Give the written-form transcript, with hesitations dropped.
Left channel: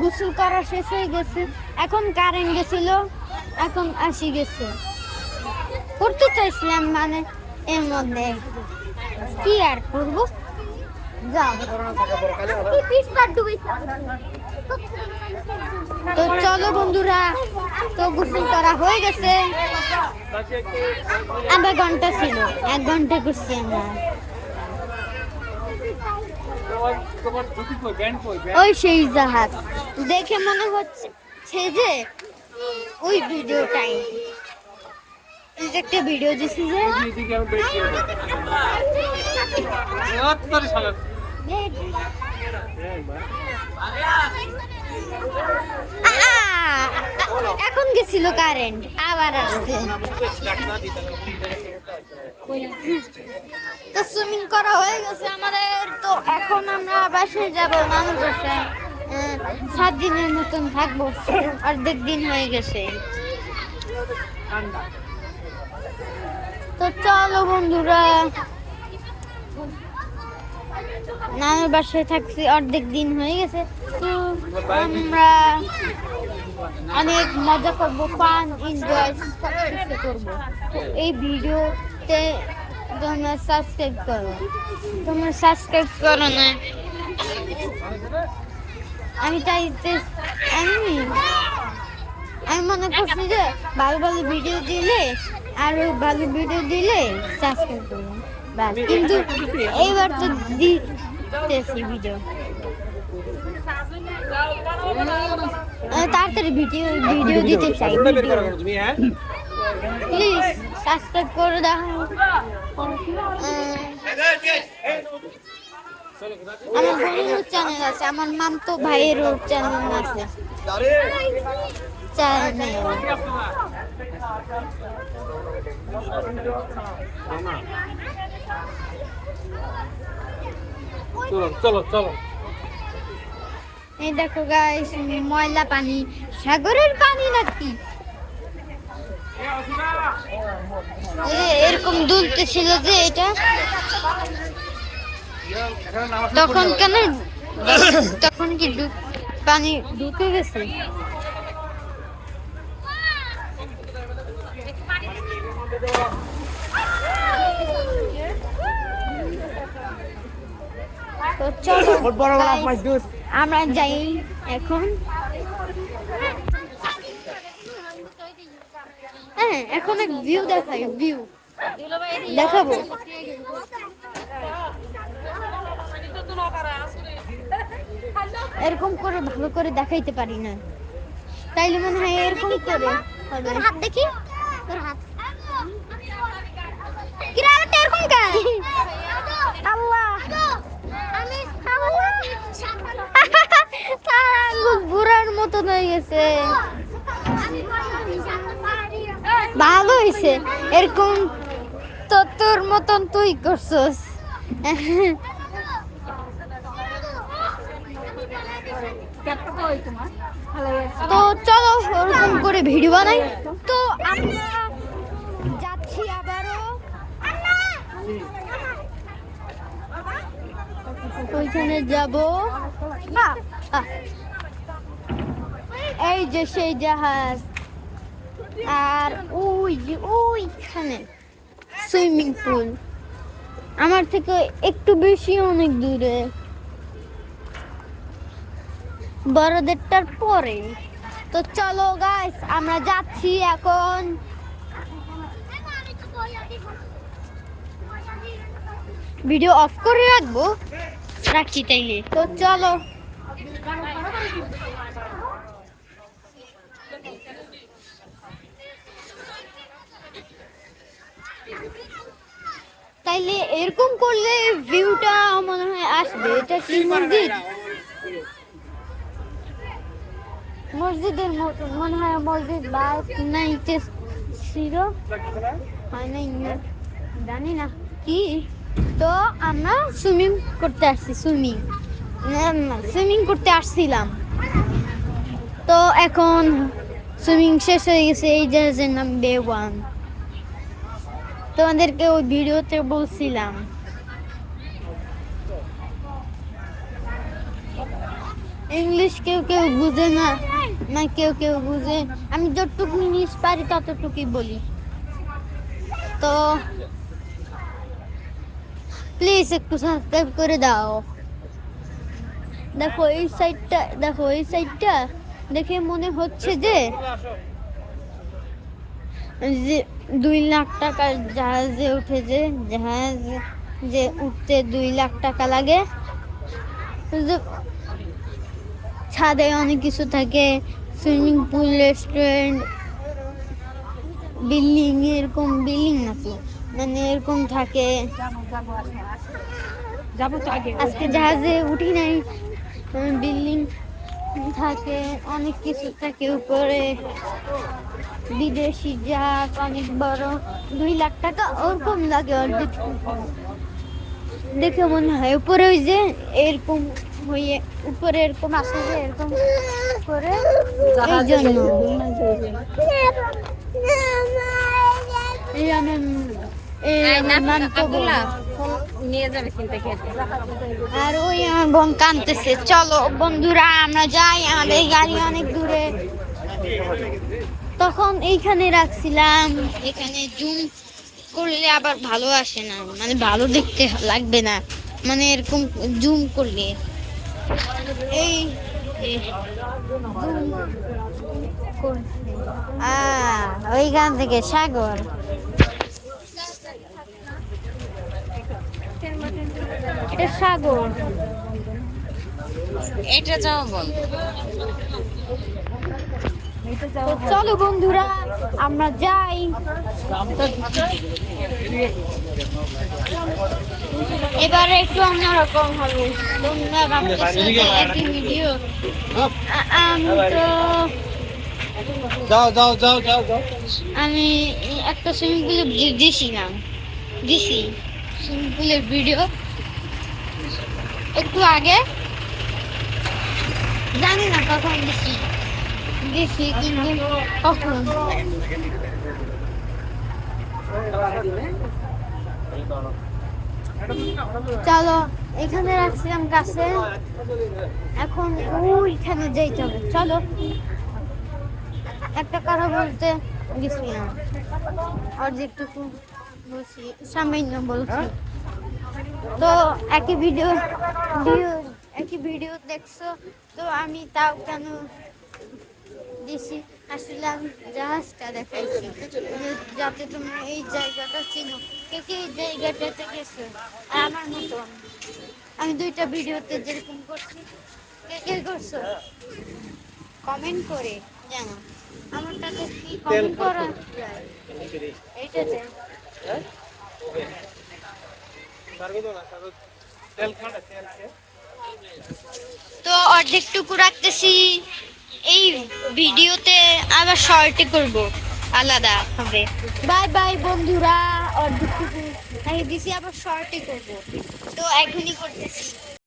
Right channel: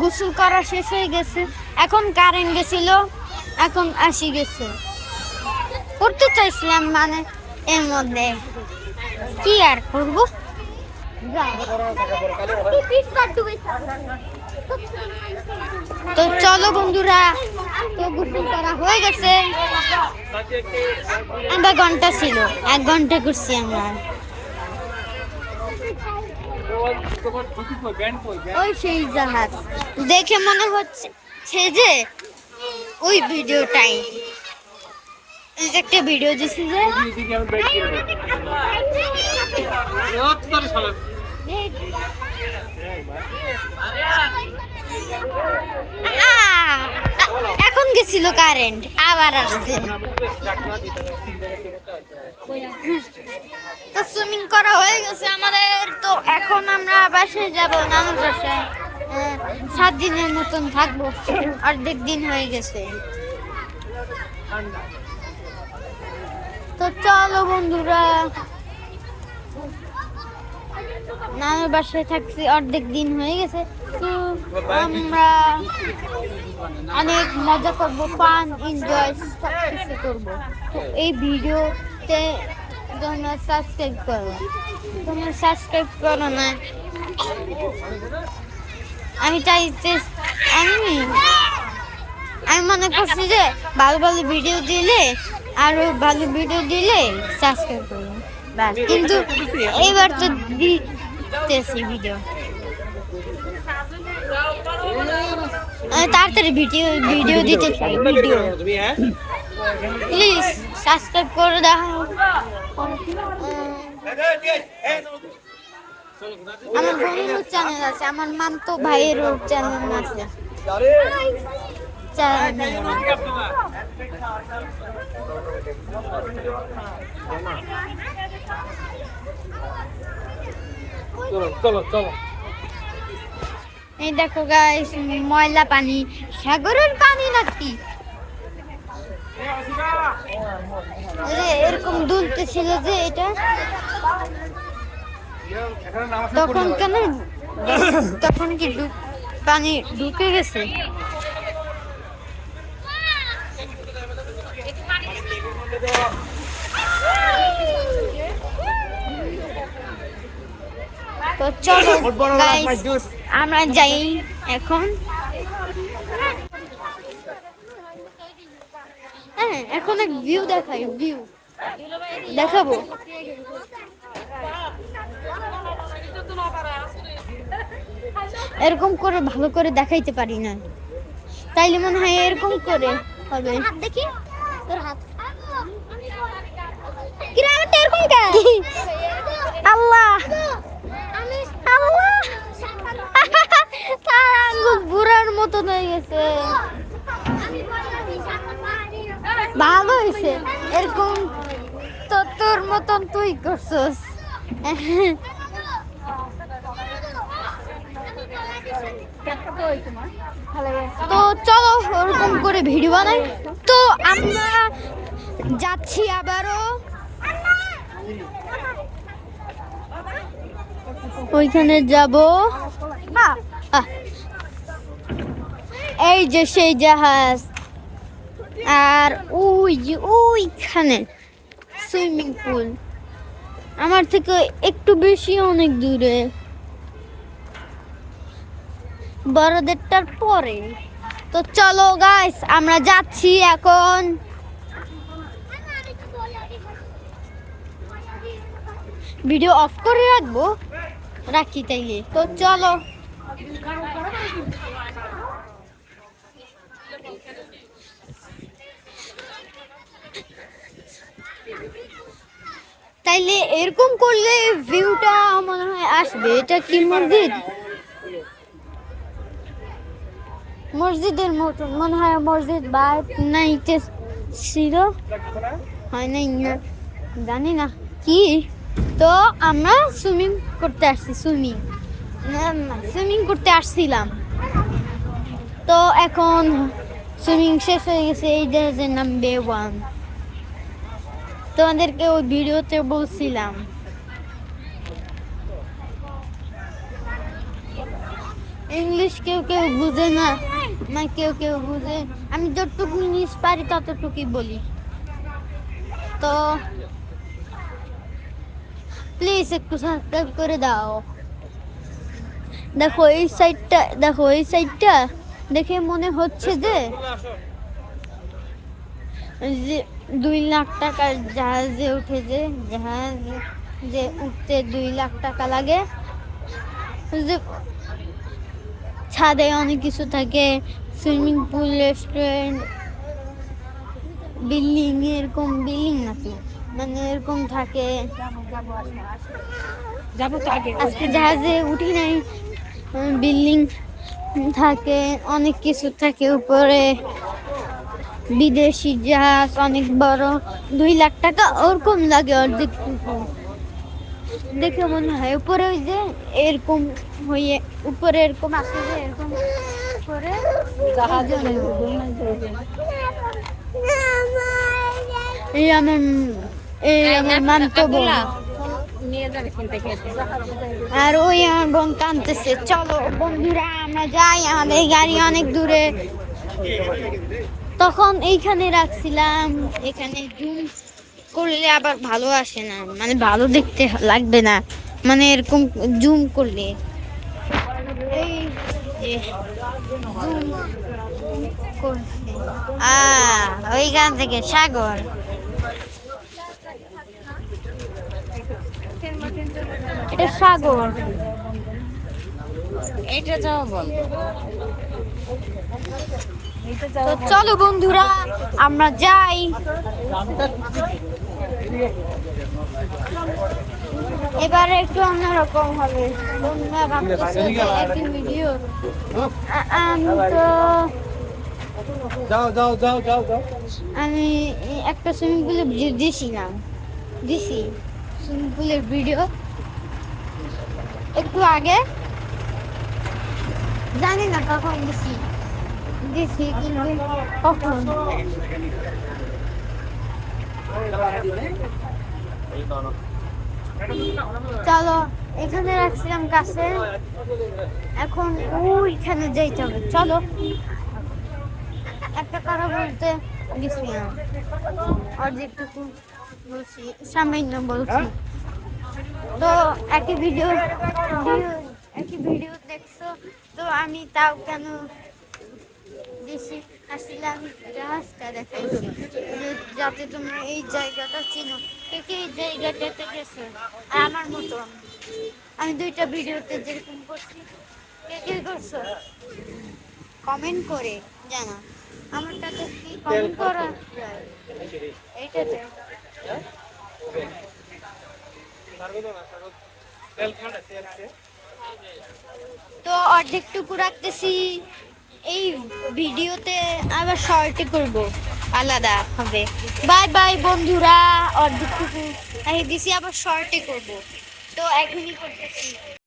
গোসল করা শেষ হয়ে গেছে, এখন কারেন্ট গেছিল, এখন আসি গেছে। করতে চাইছিলাম মানে এর মধ্যে কি আর করবো, তো চলো বন্ধুরা, তো গোসল করা হয়ে গেছে। আধা ঘন্টা ছিল, 1 ঘন্টা করছি আমরা। ওই সেই জাহাজ দেখে মনে হচ্ছে যে ওই ভিডিওটাই, একটা ভিডিও দিছি যে এখন গেছিল কারেন্ট, আবার আসছে। তো সুইমিং করা হয়ে গেছে আমাদের, তো এখন আমরা বাসায় যাব, নানুর বাসায়। 7 দিনের মতন থাকবো, অর্ধেক দিন হয়ে গেছে। তো চলো বন্ধুরা, নানুর বাসায় থাকছি, অর্ধেক দিন হয়ে গেছে। তো আমরা অনেক মজা করবো, ফান এনজয় সব কিছু করবো। তো এই ভিডিওতে তোমরা সাবস্ক্রাইব করো, তোমরা সাবস্ক্রাইব করো না। আমি চাইতে আমি মনে করছি যে ভালো ভালো ভিডিও দিলে, আরো ভালো ভিডিও দিলে সাবস্ক্রাইব করবো, কিন্তু এইবার তো দিতেছি ভিডিও। তাড়াতাড়ি ভিডিও দিতে চাই, ভিডিও প্লিজ সাবস্ক্রাইব করে দাও। আমার বোনেরও চ্যানেল আছে, আমার মামতো ভাইয়েরও চ্যানেল আছে। এই দেখো গাইস, ময়লা পানি, সাগরের পানি নাকি এরকম দুলতেছিল যে এটা, তখন কেন, তখন কি পানি ঢুকে গেছে? তো চলো আমরা যাই এখন। হ্যাঁ, এখন ভিউ দেখাই, ভিউ দেখাবো। এরকম করে ভালো করে দেখাইতে পারি না, তাইলে মনে হয় এরকম করে হবে। হাত দেখি, তোর হাত আল্লাহ আঙ্গুল বুড়ার মতো হয়ে গেছে। ভালো হয়েছে, এরকম তো তোর মতন তুই করছস। তো চলো ওরকম করে ভিডিও বানাই। তো আমরা যাচ্ছি আবারও, ওইখানে যাব। এই যে সেই জাহাজ, আর ওই যে ওইখানে সুইমিং পুল, আমার থেকে একটু বেশি অনেক দূরে, বড়দেরটার পরে। তো চলো গাইস, আমরা যাচ্ছি এখন। ভিডিও অফ করে রাখবো, রাখছি তাইলে। তো চলো, তাইলে এরকম করলে ভিউটা মনে হয় আসবে। এটা কি মসজিদ? মসজিদের মতো মনে হয়, মসজিদ বা নাইতে ছিল, হয় নাই না, জানি না কি। তো আমরা সুইমিং করতে আসছি, সুইমিং করতে আসছিলাম। তো এখন সুইমিং শেষ হয়ে গেছে। এই জাহাজের নাম বে1, তোমাদেরকে ওই ভিডিওতে বলছিলাম। ইংলিশ কেউ কেউ বুঝে না, না কেউ কেউ বুঝে। আমি যতটুকু ইংলিশ পারি ততটুকুই বলি। তো প্লিজ একটু সাবস্ক্রাইব করে দাও। দেখো এই সাইডটা দেখে মনে হচ্ছে যে 2 লাখ টাকার জাহাজে উঠে, যে উঠতে 2 লাখ টাকা লাগে। ছাদে অনেক কিছু থাকে, সুইমিং পুল, রেস্টুরেন্ট, বিল্ডিং, এরকম বিল্ডিং নাকি মানে এরকম থাকে। আজকে জাহাজে উঠি নাই, বিল্ডিং থাকে, অনেক কিছু থাকে উপরে। বিদেশি জাহাজ অনেক বড়, 2 লাখ টাকা ওরকম লাগে অর্ধেক। দেখে মনে হয় উপরে ওই যে এরকম হয়ে উপরে এরকম আসে যে এরকম করে, এই জন্য এই আমার আর ওই আমার বোন কাঁদতেছে। চলো বন্ধুরা আমরা যাই, আমাদের গাড়ি অনেক দূরে। তখন এইখানে রাখছিলাম, এখানে জুম করলে আবার ভালো আসে না, মানে ভালো দেখতে লাগবে না, মানে এরকম জুম করলে এই ওইখান থেকে সাগর। এটা সাগর, এটা যাও বল। তো চলো বন্ধুরা আমরা যাই। এবারে একটু অন্যরকম হবে। তোমরা ভাবতেছো যে একই ভিডিও, তো আমি একটা সুইমিং পুলের দিছি সুইমিং পুলের ভিডিও একটু আগে, জানি না কখন দিছি কিন্তু কখন। চলো এখানে রাখছিলাম কাছে, এখন ওইখানে যাইতে হবে। চলো একটা কথা বলতে গেছিলাম, অর্ধেকটুকু বলছি, সামান্য বলছি। তো একই ভিডিও দেখছো, তো আমি তাও কেন দিছি, আসলে আমি জাহাজটা দেখাইছি যাতে তোমরা এই জায়গাটা চিনো। কে কে এই জায়গাটাতে গেছো? আর আমার মতো আমি 2টা ভিডিওতে যেরকম করছি, কে কে করছো কমেন্ট করে জানা। আমারটাতে কি কমেন্ট করা যায়? এইটাতে তো অর্ধেকটুকু রাখতেছি, এই ভিডিওতে আবার শর্টে করব, আলাদা হবে। বাই বাই বন্ধুরা, অর্ধেকটুকু দিছি আবার শর্টে করব, তো এখনই করতেছি।